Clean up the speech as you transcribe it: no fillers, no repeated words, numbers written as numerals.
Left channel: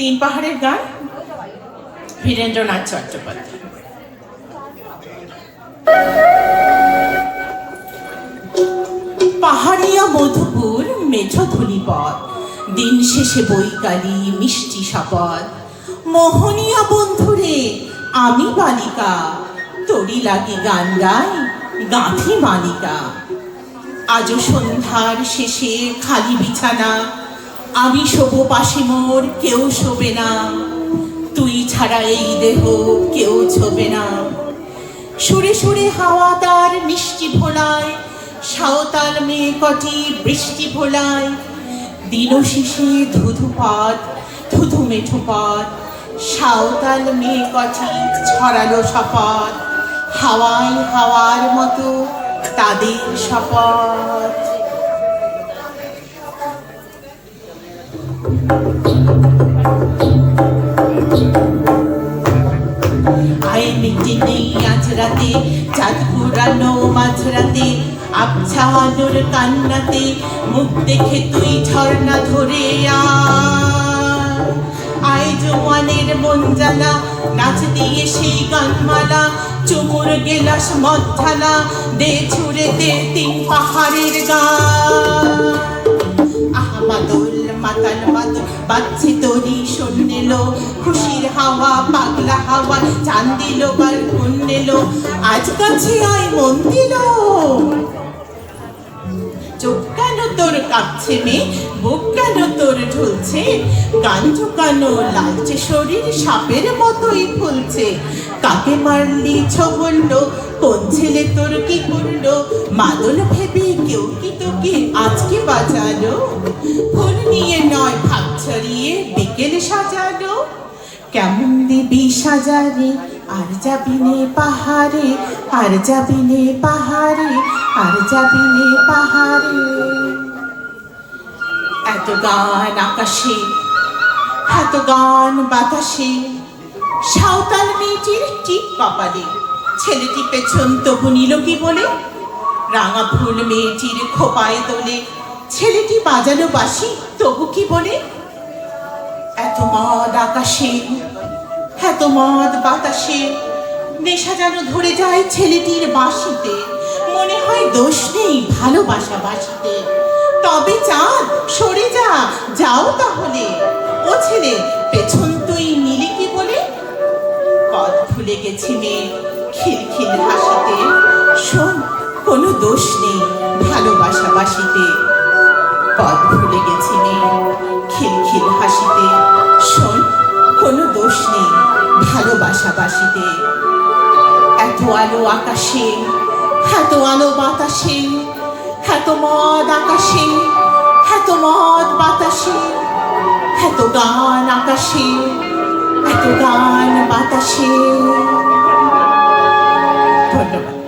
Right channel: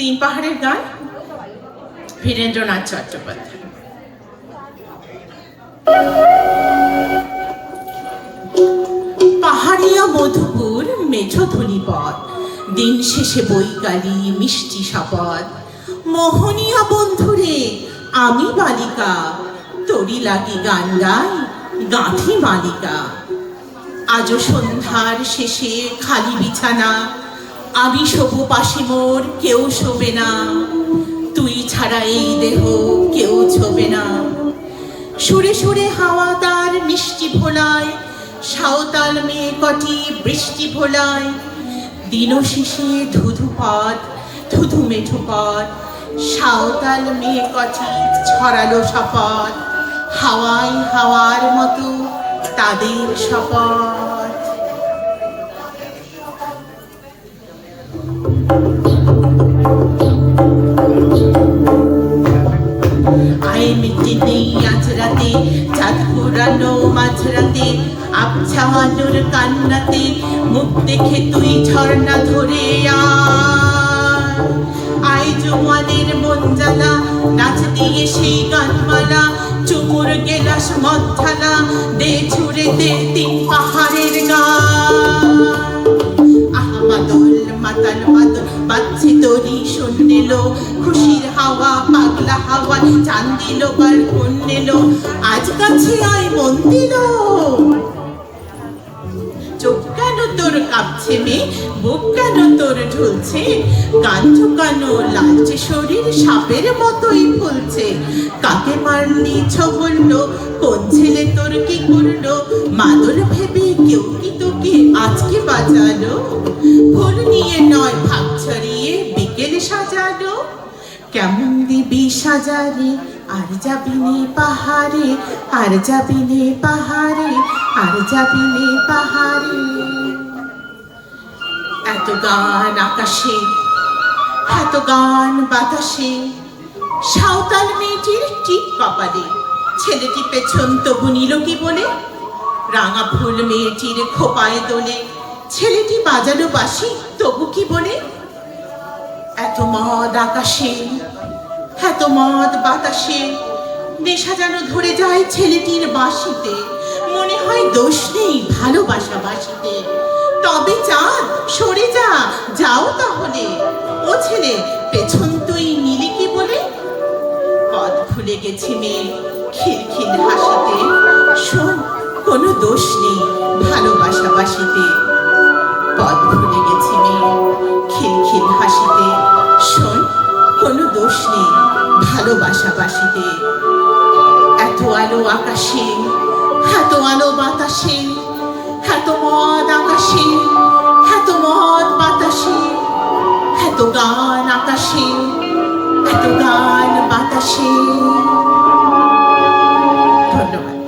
তিন পাহাড়ের গান, বীরেন্দ্রনাথ চট্টোপাধ্যায়। পাহাড়িয়া মধুপুর মেঠোধুলি পথ, দিন শেষে বৈকালী মিষ্টি শপথ। মোহনিয়া বন্ধুরে আমি বালিকা, তোরি লাগে গান গাই গাঁথি মালিকা। আজও সন্ধ্যার শেষে খালি বিছানা, আমি শোবো পাশে মোর কেউ শোবে না, তুই ছাড়া এই দেহ কেউ ছোবে না। সুরে সুরে হাওয়া তার মিষ্টি ভোলায়, সাঁওতাল মেয়ে কটি বৃষ্টি ভোলায়। দিন শেষে ধুধু পথ ধুধু মেঠো পথ, সাঁওতাল মেয়ে কটি ছড়ালো শপথ। হাওয়ায় হাওয়ার মতো তাদের শপথ। আয় মিটে নেই আজ রাতে, চাঁদ পুরানো মাঝরাতে, আবছা আলোর কান্নাতে মুখ দেখে তুই ঝর্ণা ধরে আয়। জোয়ানের মন জ্বালা, নাচ দিয়ে সেই গানমালা, চুমুর গেলাস মদ ঢালা, দে ছুড়ে দে তিন পাহাড়ের গান। মাদল মাতাল মাদল বাজছে তোরি শোনেলো, খুশির হাওয়া পাগলা হাওয়া চান দিল বার কোন নেলো। আজ কাছে আয় মন দিল, চোখ কেন তোর কাঁপছে মে, বুক কেন তোর ঢুলছে, গান ঝুঁকানো লালচে শরীর সাপের মতোই ফুলছে। কাকে মারলি বললো, কোন ছেলে তোর কি করলো, মাদল ভেবে কেউ কি তোকে আজকে বাজালো। ফুল নিয়ে নয় ভাগ ছড়িয়ে বিকেল সাজালো, কেমন দিবি সাজারে আর যাবি নে পাহাড়ে, আর যাবি নে পাহাড়ে, আর যাবি নে পাহাড়ে। এত গান আকাশে, এত গান বাতাসে, সাঁওতাল মেয়েটির টিপ কপালে, ছেলেটি পেছন তবু নিল কি বলে। রাঙা ফুল মেয়েটির খোপায় দোলে, ছেলেটি বাজালো বাঁশি তবু কি বলে। এত মদ আকাশে, এত মদ বাতাসে, নেশা যেন ধরে যায় ছেলেটির বাঁশিতে। মনে হয় দোষ নেই ভালোবাসা বাঁশিতে, তবে চাঁদ সরে যা, যাও তাহলে। ও ছেলে পেছন তুই নিলি কি বলে। পথ ভুলে গেছি মেয়ে খিলখিল হাসিতে, শোন কোনো দোষ নেই ভালোবাসা বাসিতে। পথ ভুলে গেছি মেয়ে খিলখিল হাসিতে, শোন কোনো দোষ নেই ভালোবাসা বাসিতে। এত আলো আকাশে, এত আলো বাতাসে, এত মদ আকাশে, এত মদ বাতাসে, এত গান আকাশে, এত গান বাতাসে। ধন্যবাদ।